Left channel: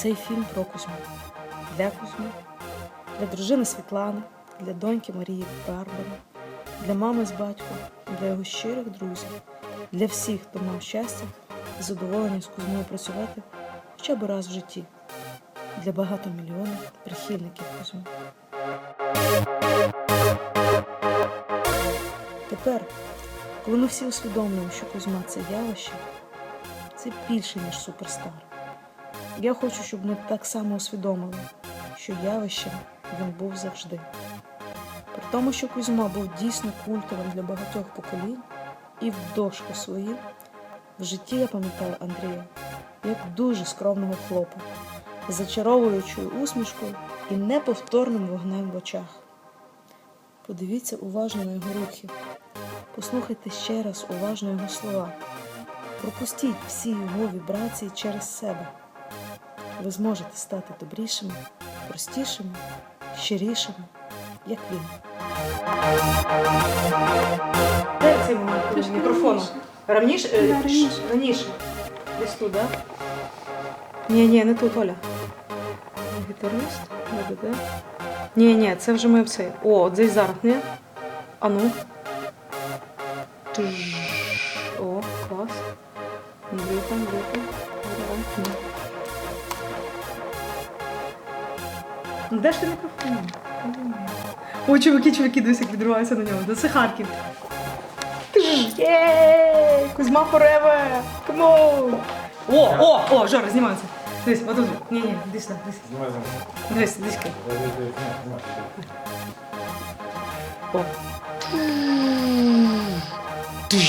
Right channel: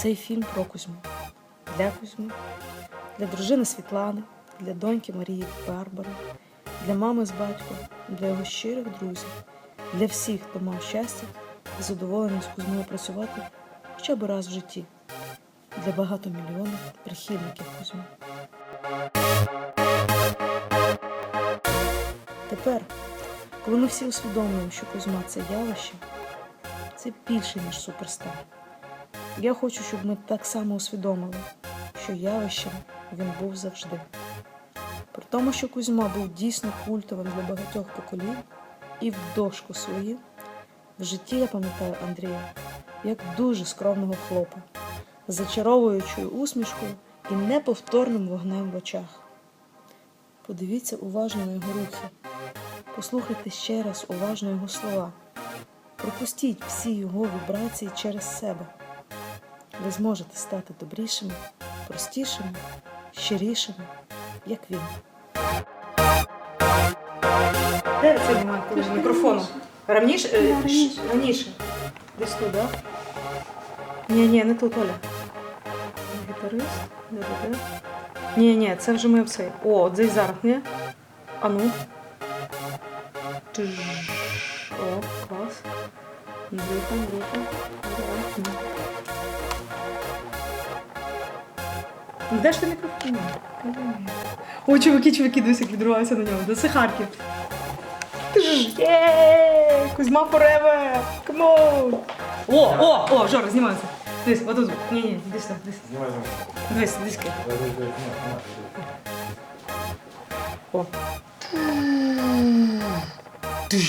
Цей фільм про Кузьму. Для Кузьми, для дружини Світлани, для доньки Марії Барбари, для мами з батьком, для його щирих друзів, для всіх, хто мав щастя і задоволення з Кузьмою працювати хоча б раз в житті, для багатомільйонних прихильників Кузьми. Тепер, коли ми всі усвідомлюємо, що Кузьма це явище, це більше, ніж суперстар. Я хочу, щоб ми так само усвідомили, що явищем він був завжди. При тому, що Кузьма був дійсно культовим для багатьох поколінь, і в дошку свою, в житті я пам'ятаю Андрія як дуже скромного хлопа, зачаровуючою усмішкою і неповторним вогнем в очах. Подивіться уважно на його рухи, послухайте ще раз уважно його слова. Пропустіть всі його вібрації через себе. Ви зможете стати добрішими, простішими, щирішими, як він. Де цей момент коли мікрофону? Раніше? е, раніше. ш- раніше. Десь тут, так? Ні, ні, не тут, Оля. Не Гітарист, не буде. Ні, ні, це вже ми все. О, десь зараз, ні? А ну. Тж. О, клас. Група, група. Давай. Ні. Де ж ти мікрофон? О, чуваки, чуваки, дивись, як відриваються на ньому. Да це Харків. Кузьма Forever! Come! О, о, о, Жора, знімається. Дивись, отут. Ні, ні, дивись сюди, дивись. Знімай за Дивись, дивись. ки. О. Є!